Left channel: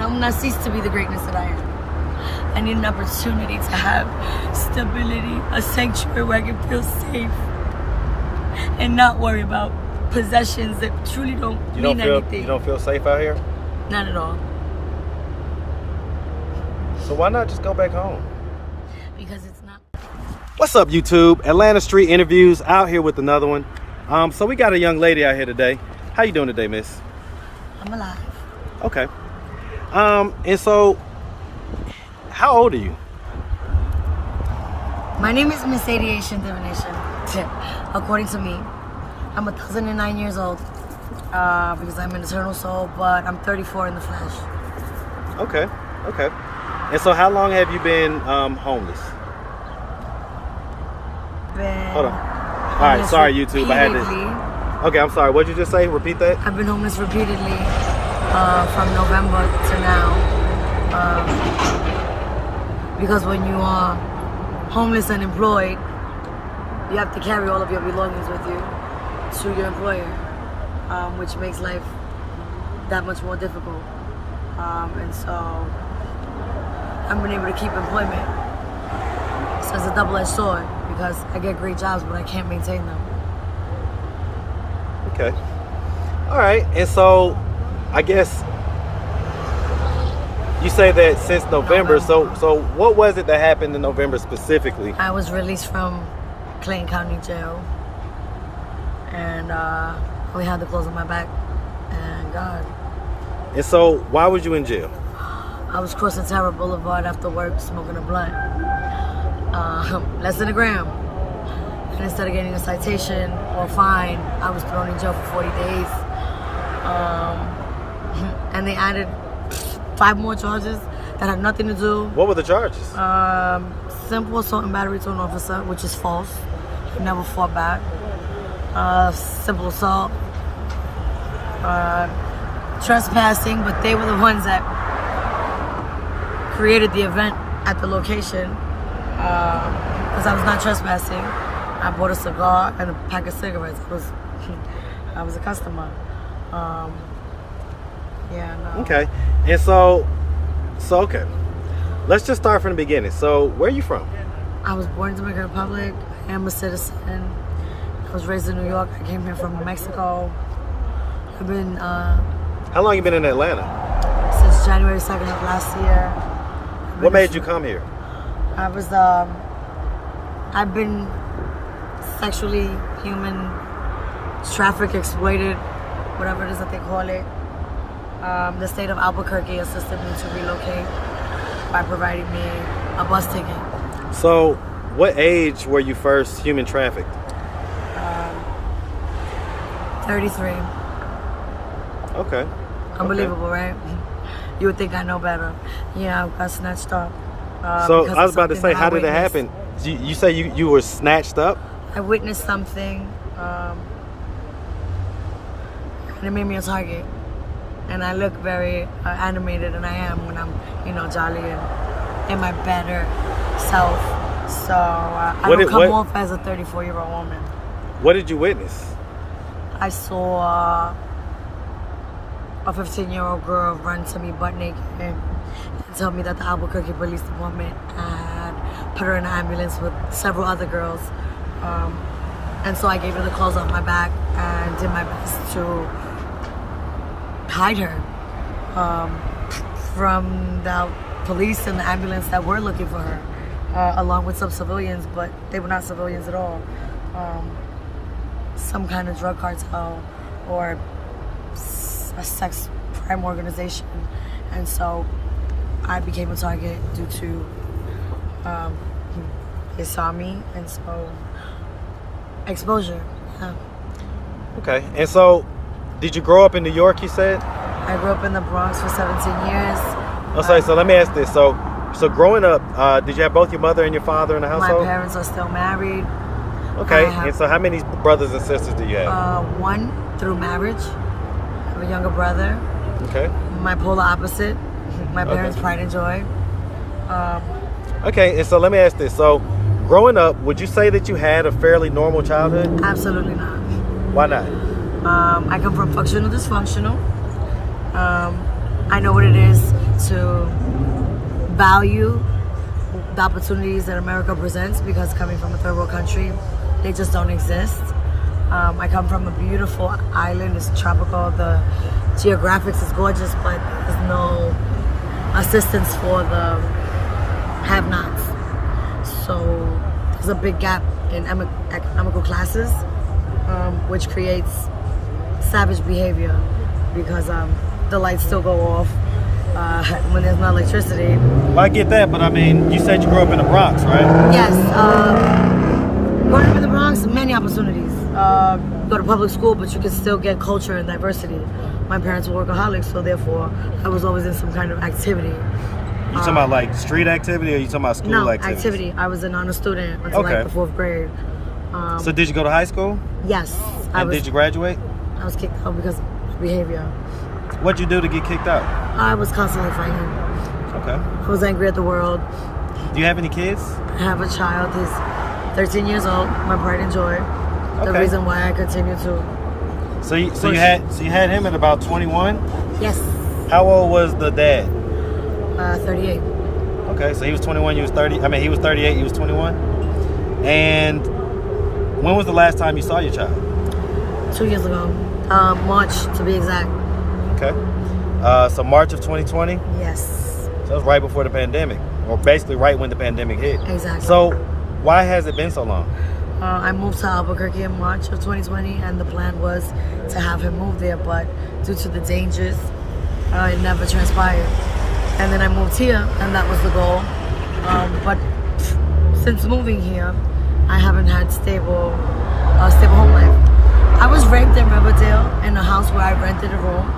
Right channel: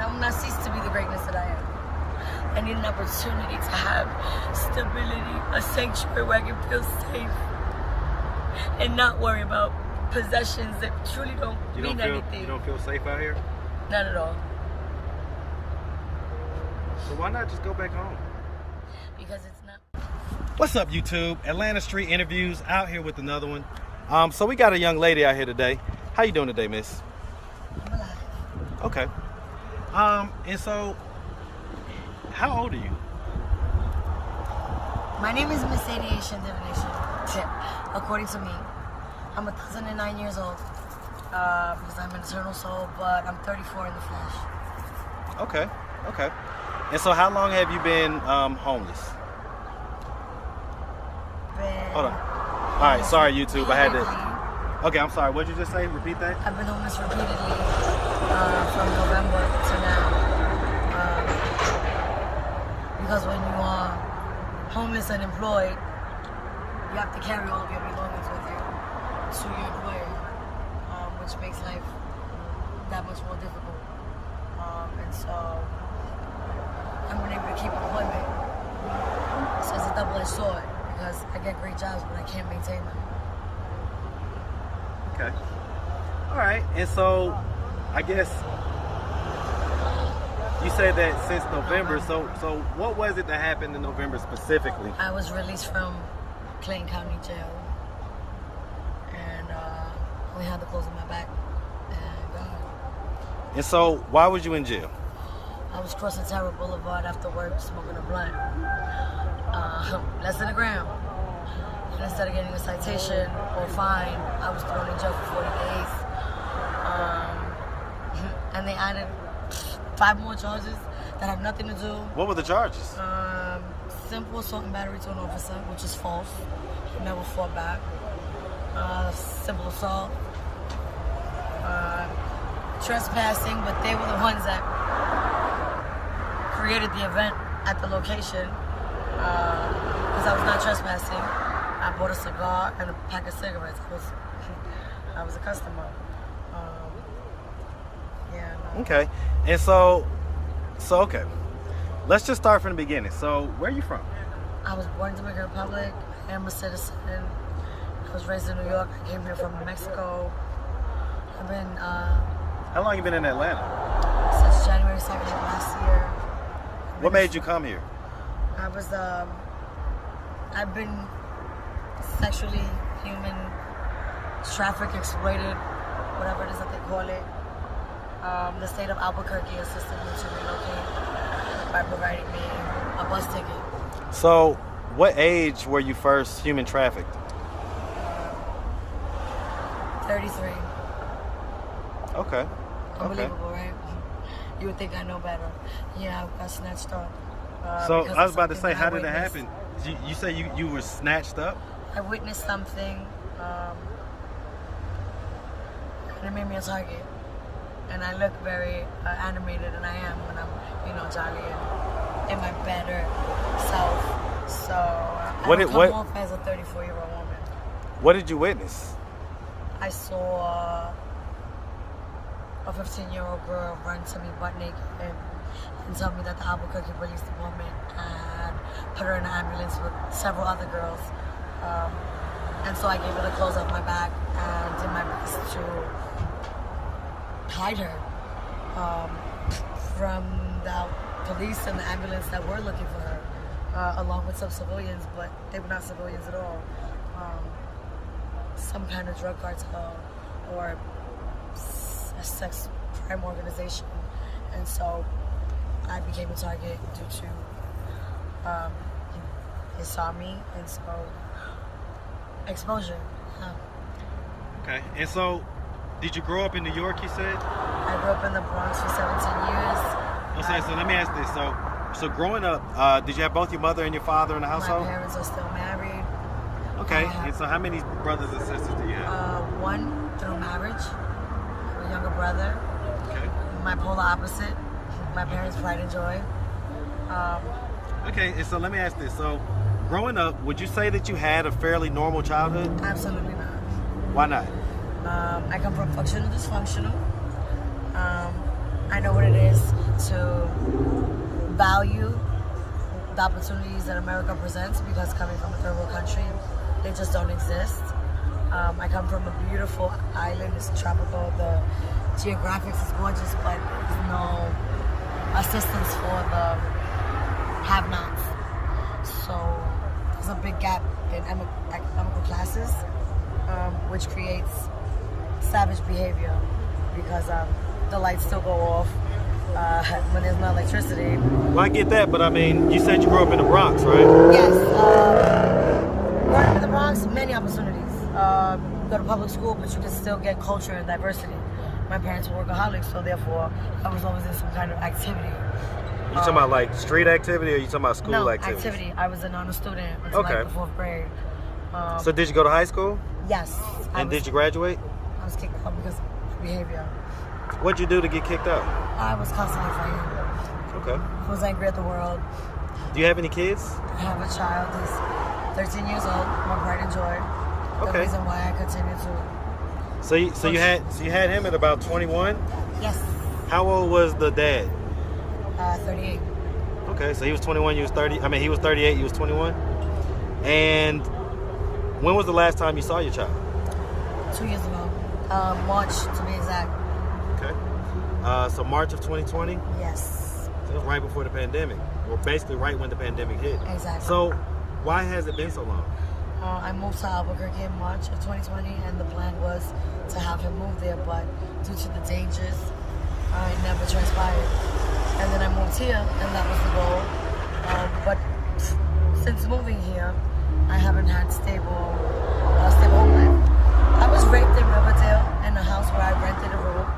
and I will not cease to be the greatness that I am. I need an opportunity to have stability, a sanctuary where I can feel safe and not worry about possessions that truly don't mean anything. You don't feel safe out here? Not at all. So why not just go back home? Because it's not. What's up, YouTube? Atlanta Street Interviews out here with another one. So we got a young lady out here today. How you doing today, miss? I'm alive. Okay. And so, how old are you? My name is Miss Aviation Divination. According to me, I'm 1,009 years old because I'm an eternal soul, but I'm 34 in the flesh. Okay. Okay. And so, how long have you been homeless? Hold on. All right. Sorry, YouTube. I had to. Okay. I'm sorry. What did you just say? Repeat that. I've been homeless repeatedly from November to now. Because when you are homeless and employed, you have to carry all of your belongings with you to your employer, which makes life that much more difficult. And so I've been able to keep employment. So it's a double-edged sword because I get great jobs, but I can't maintain them. Okay. All right. And so I guess you say that since November. So what was it that happened in November specifically? I was released from Clayton County Jail, and we had the clothes on my back, and God. And so why was you in jail? I was crossing Terra Boulevard after work, smoking a blunt. Less than a gram. And instead of getting a citation or fine, I was thrown in jail for 40 days. And they added 5 more charges that had nothing to do. What were the charges? Simple assault and battery to an officer, which is false. Never fought back. Simple assault. Trespassing, but they were the ones that created the event at the location. Because I was not trespassing. I bought a cigar and a pack of cigarettes. I was a customer. Yeah, no. Okay. And so okay. Let's just start from the beginning. So where are you from? I was born in Dominican Republic. I am a citizen. I was raised in New York. I came here from Mexico. I've been How long you been in Atlanta? Since January 2nd of last year. What made you come here? I was I've been sexually, human, trafficked, exploited, whatever it is that they call it. The state of Albuquerque assisted me to relocate by providing me a bus ticket. So, what age were you first human trafficked? 33. Okay. Unbelievable, right? You would think I know better. Yeah, I got snatched up. So, I was about to say, how did it happen? You say you were snatched up? I witnessed something, and it made me a target. And I look very animated, and I am when I'm, jolly and in my better self. So I don't come off as a 34-year-old woman. What did you witness? I saw a 15-year-old girl run to me butt naked and tell me that the Albuquerque Police Department had put her in an ambulance with several other girls. And so I gave her the clothes off my back and did my best to hide her from the police and the ambulance that were looking for her, along with some civilians, but they were not civilians at all. Some kind of drug cartel or a sex crime organization. And so I became a target due to they saw me, and so exposure. Yeah. Okay. And so did you grow up in New York, you said? I grew up in the Bronx for 17 years. Oh, sorry. So let me ask this. So growing up, did you have both your mother and your father in the household? My parents are still married. Okay. And so how many brothers and sisters do you have? One through marriage. I have a younger brother. Okay. My polar opposite. My parents' pride and joy. Okay. And so let me ask this. So growing up, would you say that you had a fairly normal childhood? Absolutely not. Why not? I come from functional dysfunctional. I know what it is to value the opportunities that America presents, because coming from a third world country, they just don't exist. I come from a beautiful island. It's tropical. The geographics is gorgeous, but there's no assistance for the have-nots. So there's a big gap in economical classes, which creates savage behavior, because the lights still go off when there's no electricity. Well, I get that, but I mean, you said you grew up in the Bronx, right? Yes. Growing up in the Bronx, many opportunities. Go to public school, but you can still get culture and diversity. My parents were workaholics, so therefore I was always in some kind of activity. You talking about like street activity, or you talking about school No, activities? activity. I was an honor student until like the 4th grade. So did you go to high school? Yes. Did you graduate? I was kicked out because of my behavior. What'd you do to get kicked out? I was constantly fighting. Okay. I was angry at the world. Do you have any kids? I have a child. He's 13 years old. My pride and joy. The Okay. reason why I continue to. So you had him at about 21? Yes. How old was the dad? 38. Okay, so he was 21, you was 30. I mean, he was 38, you was 21. And when was the last time you saw your child? 2 years ago. March, to be exact. Okay. So March of 2020? Yes. So that was right before the pandemic, or basically right when the pandemic hit. Exactly. So why has it been so long? I moved to Albuquerque in March of 2020, and the plan was to have him move there, but due to the dangers, it never transpired. And then I moved here, and that was the goal. But since moving here, I haven't had stable home life. I was raped in Riverdale in a house where I rented a room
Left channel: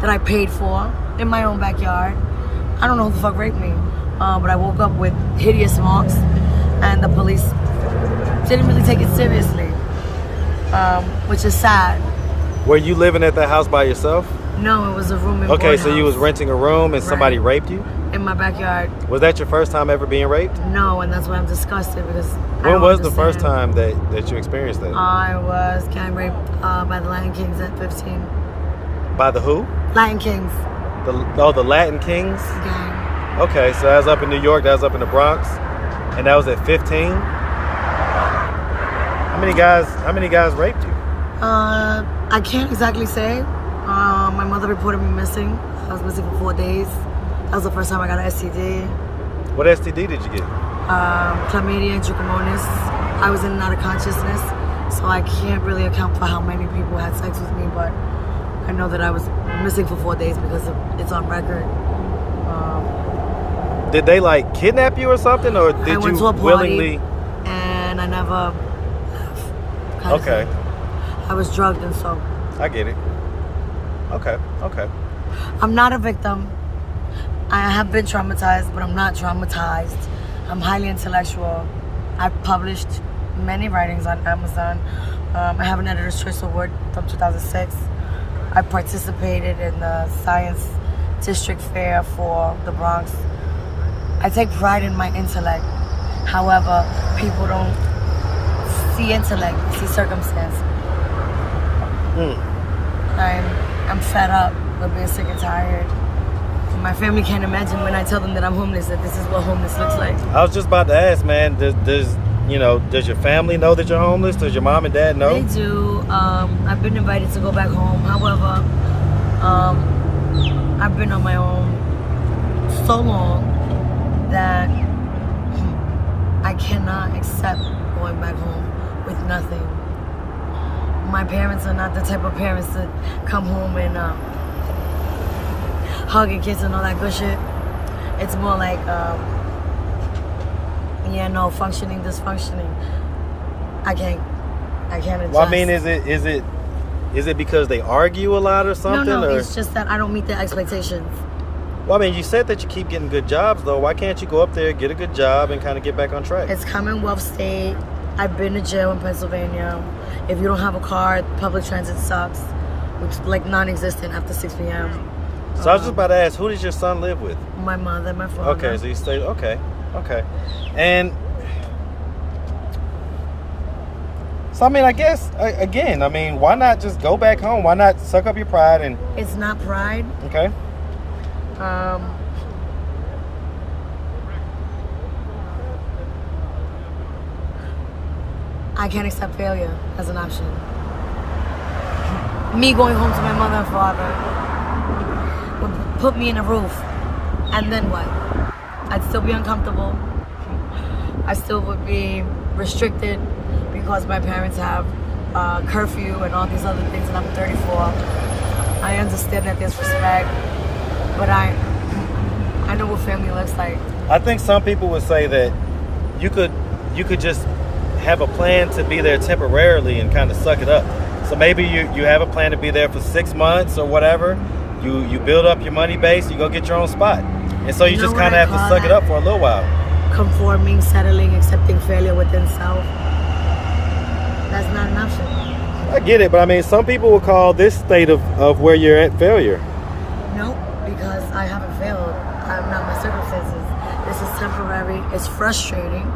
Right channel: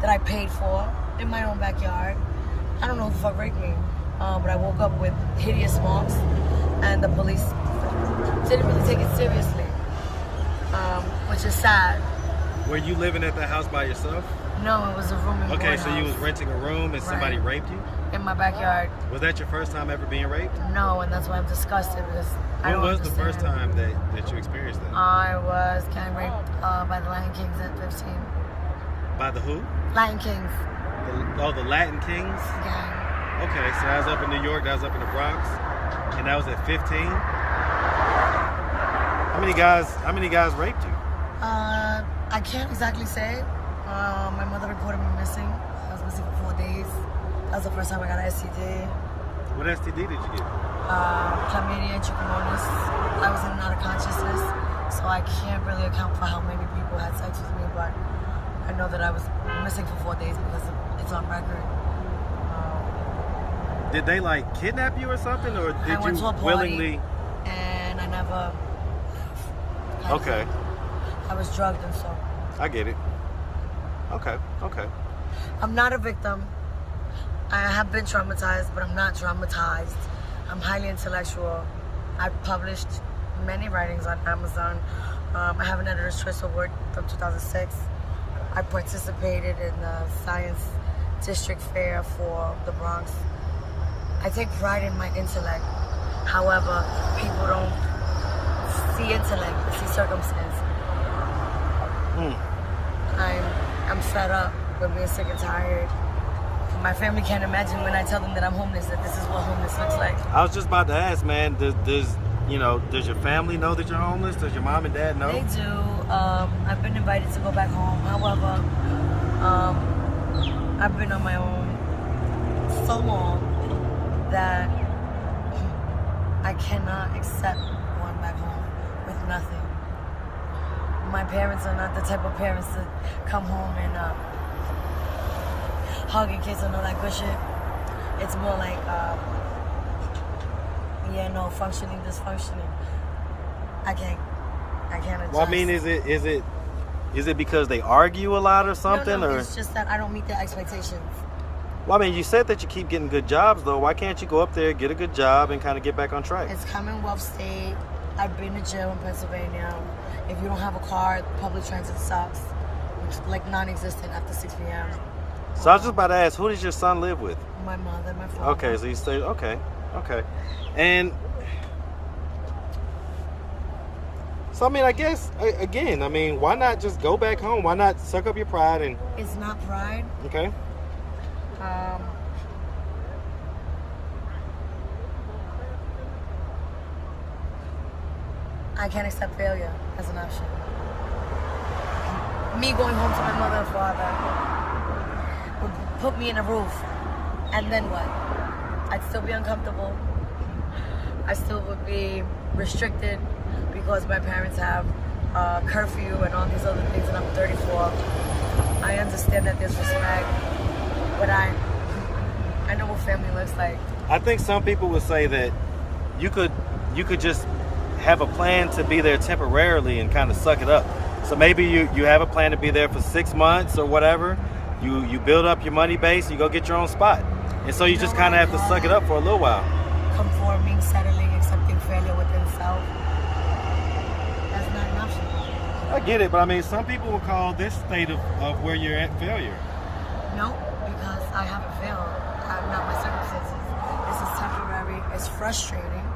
that I paid for in my own backyard. I don't know who the fuck raped me, but I woke up with hideous marks, and the police didn't really take it seriously, which is sad. Were you living at that house by yourself? No, it was a room in Okay, so you was house. renting a room and somebody Right. raped you? In my backyard. Was that your first time ever being raped? No, and that's why I'm disgusted, because I When don't was the first understand. time that you experienced that? I was gang raped by the Latin Kings at 15. By the who? Latin Kings The Latin Kings? gang. Okay, so that was up in New York, that was up in the Bronx, and that was at 15? How many guys raped you? I can't exactly say. My mother reported me missing. I was missing for 4 days. That was the first time I got an STD. What STD did you get? Chlamydia and trichomonas. I was in and out of consciousness, so I can't really account for how many people had sex with me, but I know that I was missing for 4 days because it's on record. Did they like kidnap you or something, or I did went you to a party, willingly? and I never left. Okay, I was drugged, and so I get it. Okay. I'm not a victim. I have been traumatized, but I'm not traumatized. I'm highly intellectual. I've published many writings on Amazon. I have an Editor's Choice Award from 2006. I participated in the Science District Fair for the Bronx. I take pride in my intellect. However, people don't see intellect, they see circumstance. I'm fed up with being sick and tired. My family can't imagine when I tell them that I'm homeless, that this is what homeless looks like. I was just about to ask, man. Does your family know that you're homeless? Does your mom and dad know? They do. I've been invited to go back home. However, I've been on my own so long that I cannot accept going back home with nothing. My parents are not the type of parents that come home and hug and kiss and all that good shit. It's more like, functioning, dysfunctioning. I can't adjust. Well, I mean, is it because they argue a lot or something? No, or? it's just that I don't meet their expectations. Well, I mean, you said that you keep getting good jobs, though. Why can't you go up there, get a good job, and kind of get back on track? It's Commonwealth State. I've been to jail in Pennsylvania. If you don't have a car, public transit sucks, which is like non-existent after 6 p.m. So I was just about to ask, who does your son live with? My mother, my father. Okay, so you stay, okay. And, so I mean, I guess, again, why not just go back home? Why not suck up your pride and... It's not pride. Okay. I can't accept failure as an option. Me going home to my mother and father would put me in a roof, and then what? I'd still be uncomfortable. I still would be restricted because my parents have curfew and all these other things, and I'm 34. I understand that there's respect, but I know what family looks like. I think some people would say that you could just have a plan to be there temporarily and kind of suck it up. So maybe you have a plan to be there for 6 months or whatever. You build up your money base, you go get your own spot. And so you just kind of have to suck it up for a little while. Conforming, settling, accepting failure within self. That's not an option. I get it, but I mean, some people will call this state of where you're at failure. Nope, because I haven't failed. I'm not my circumstances. This is temporary. It's frustrating,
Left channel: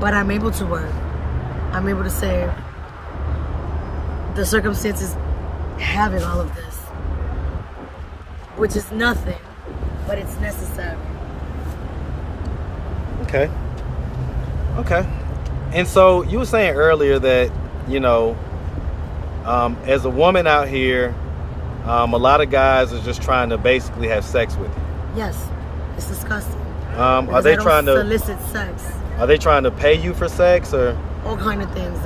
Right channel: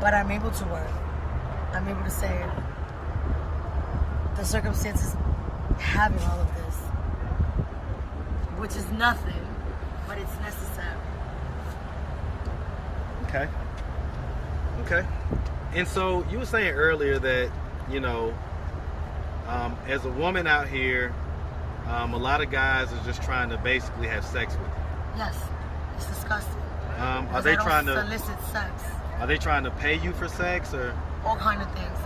but I'm able to work. I'm able to save. The circumstances having all of this, which is nothing, but it's necessary. Okay. And so you were saying earlier that, as a woman out here, a lot of guys are just trying to basically have sex with you. Yes, it's disgusting. Are they trying to solicit sex? Are they trying to pay you for sex or? All kind of things.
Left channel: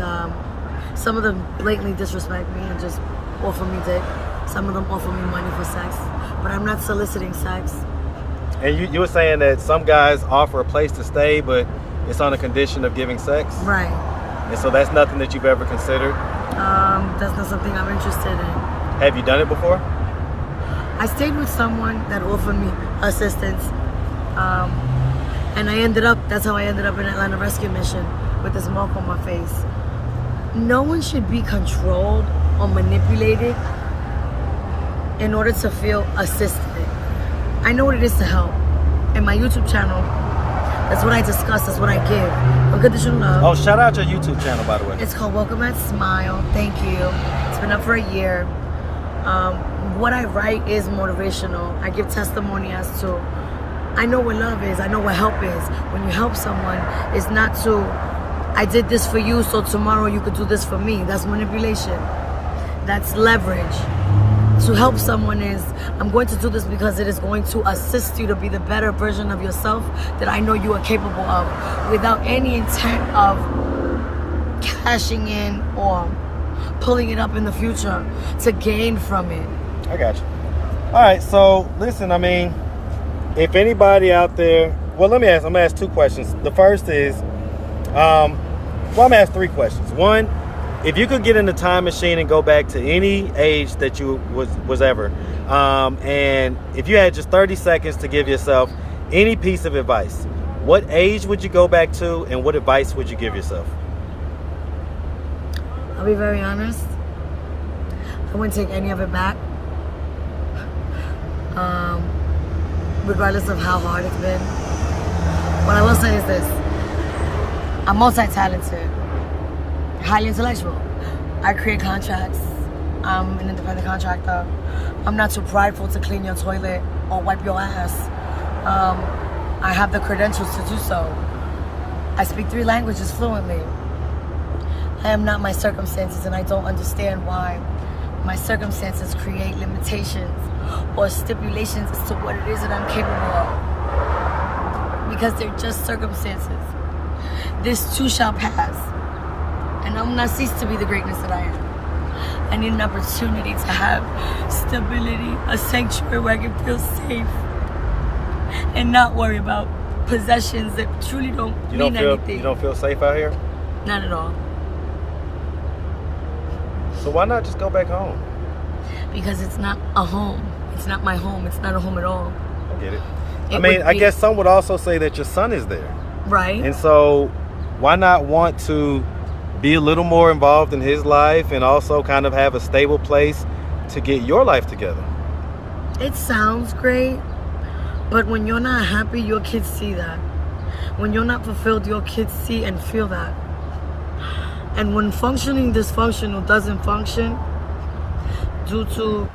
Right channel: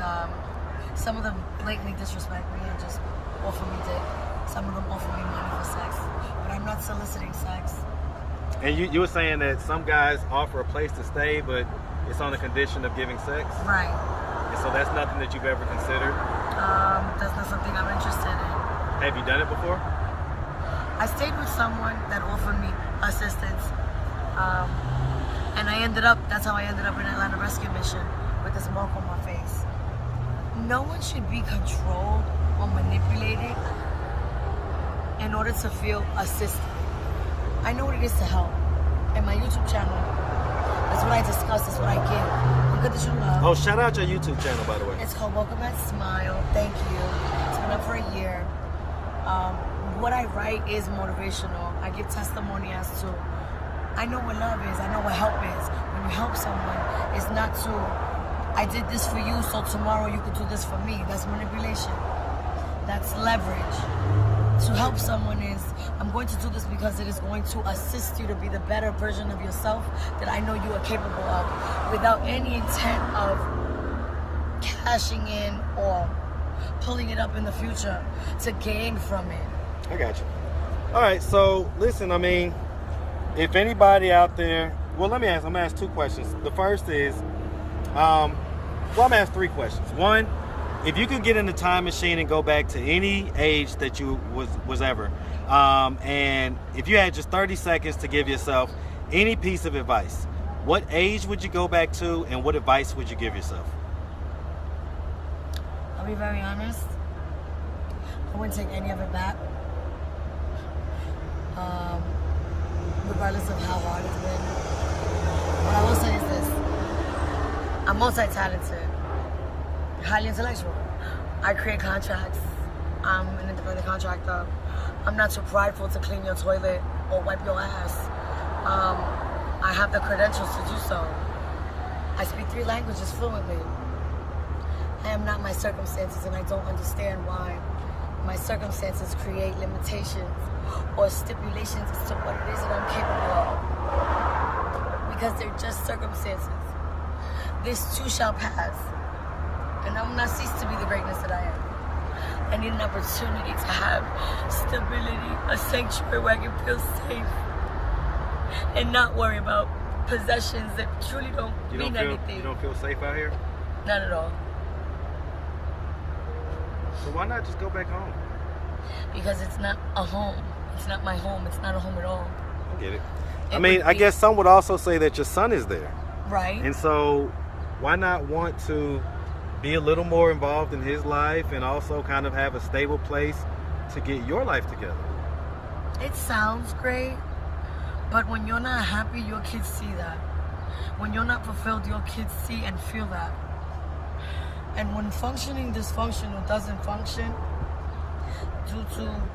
Some of them blatantly disrespect me and just offer me dick. Some of them offer me money for sex, but I'm not soliciting sex. And you were saying that some guys offer a place to stay, but it's on a condition of giving sex? Right. And so that's nothing that you've ever considered? That's not something I'm interested in. Have you done it before? I stayed with someone that offered me assistance, and that's how I ended up in Atlanta Rescue Mission with this mark on my face. No one should be controlled or manipulated in order to feel assisted. I know what it is to help. In my YouTube channel, that's what I discuss, that's what I give. Unconditional love. Oh, shout out your YouTube channel, by the way. It's called Welcome at Smile. Thank you. It's been up for a year. What I write is motivational. I give testimony as to, I know what love is, I know what help is. When you help someone, it's not to, I did this for you, so tomorrow you could do this for me. That's manipulation. That's leverage. To help someone is, I'm going to do this because it is going to assist you to be the better version of yourself that I know you are capable of, without any intent of cashing in or pulling it up in the future to gain from it. I got you. All right, so listen, I mean, if anybody out there, well, I'm gonna ask 2 questions. The first is, I'm gonna ask 3 questions. One, if you could get in the time machine and go back to any age that you was ever, and if you had just 30 seconds to give yourself any piece of advice, what age would you go back to, and what advice would you give yourself? I'll be very honest. I wouldn't take any of it back. Regardless of how hard it's been. What I will say is this. I'm multi-talented. Highly intellectual. I create contracts. I'm an independent contractor. I'm not too prideful to clean your toilet or wipe your ass. I have the credentials to do so. I speak 3 languages fluently. I am not my circumstances, and I don't understand why my circumstances create limitations or stipulations as to what it is that I'm capable of. Because they're just circumstances. This too shall pass. And I will not cease to be the greatness that I am. I need an opportunity to have stability, a sanctuary where I can feel safe and not worry about possessions that truly don't mean anything. You don't feel safe out here? Not at all. So why not just go back home? Because it's not a home. It's not my home. It's not a home at all. I get it. I guess some would also say that your son is there. Right. And so why not want to be a little more involved in his life and also kind of have a stable place to get your life together? It sounds great, but when you're not happy, your kids see that. When you're not fulfilled, your kids see and feel that. And when functioning dysfunctional doesn't function due to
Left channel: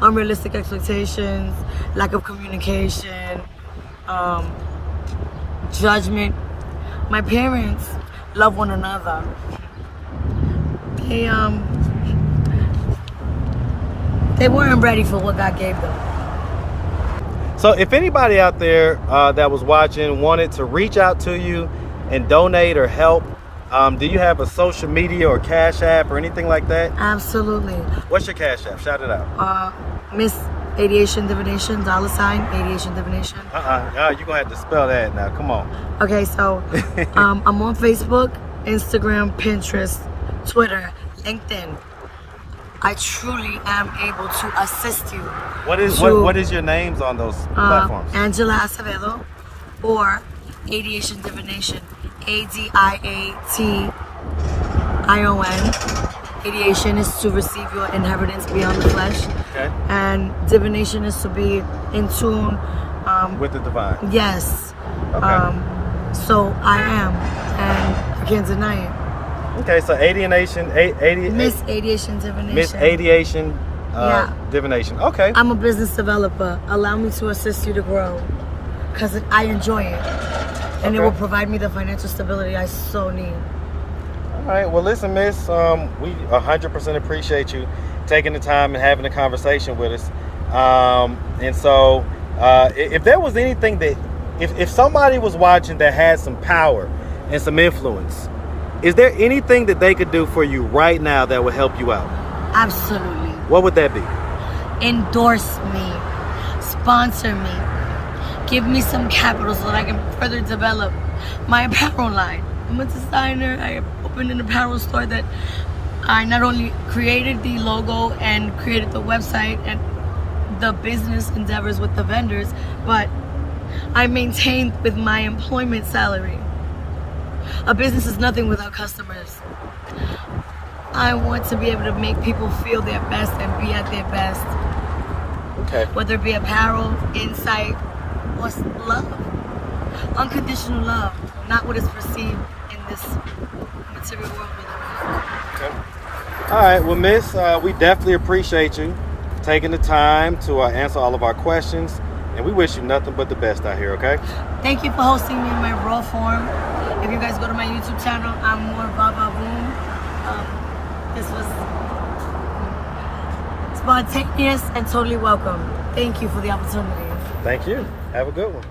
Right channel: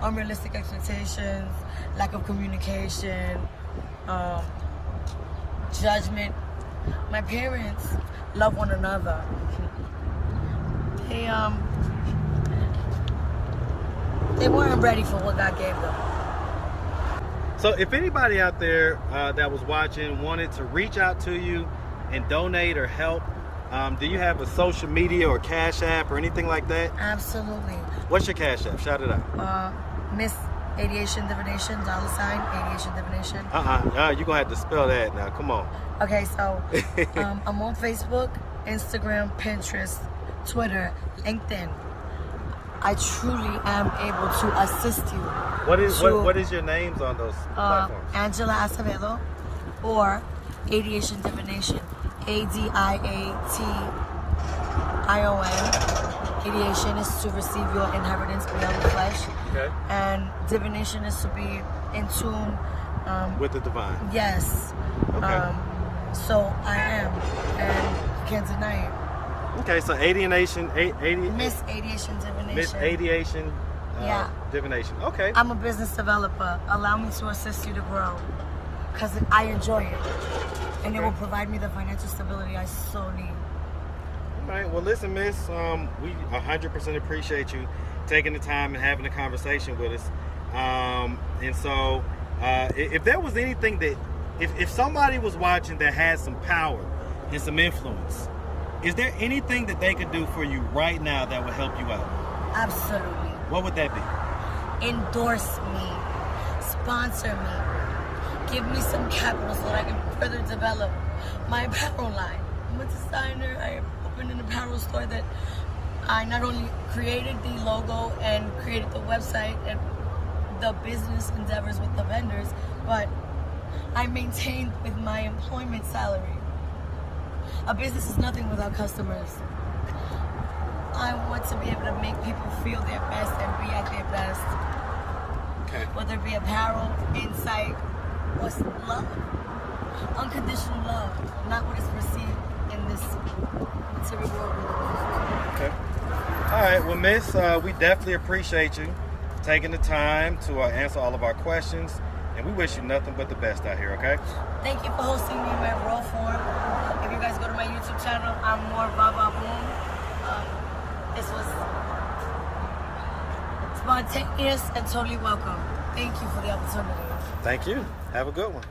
unrealistic expectations, lack of communication, judgment. My parents love one another. They weren't ready for what God gave them. So if anybody out there that was watching wanted to reach out to you and donate or help, do you have a social media or Cash App or anything like that? Absolutely. What's your Cash App? Shout it out. Miss Aviation Divination, $ Aviation Divination. You're gonna have to spell that now. Come on. Okay, so I'm on Facebook, Instagram, Pinterest, Twitter, LinkedIn. I truly am able to assist you. What is your names on those platforms? Angela Acevedo or Aviation Divination. ADIATION. Aviation is to receive your inheritance beyond the flesh. Okay. And divination is to be in tune with the divine. Yes. Okay. So I am, and I can't deny it. Okay, so Miss Aviation Divination. Miss Aviation Yeah. Divination. Okay. I'm a business developer. Allow me to assist you to grow, because I enjoy it, and it will provide me the financial stability I so need. All right. Well, listen, Miss, we 100% appreciate you taking the time and having a conversation with us. And so, if there was anything that, if somebody was watching that had some power and some influence, is there anything that they could do for you right now that would help you out? Absolutely. What would that be? Endorse me, sponsor me, give me some capital so that I can further develop my apparel line. I'm a designer. I opened an apparel store that I not only created the logo and created the website and the business endeavors with the vendors, but I maintained with my employment salary. A business is nothing without customers. I want to be able to make people feel their best and be at their best. Okay. Whether it be apparel, insight, or love. Unconditional love, not what is perceived in this material world we live in. Okay. All right. Well, Miss, we definitely appreciate you taking the time to answer all of our questions, and we wish you nothing but the best out here. Okay. Thank you for hosting me in my raw form. If you guys go to my YouTube channel, I'm more Baba Boom. This was spontaneous and totally welcome. Thank you for the opportunity. Thank you. Have a good one.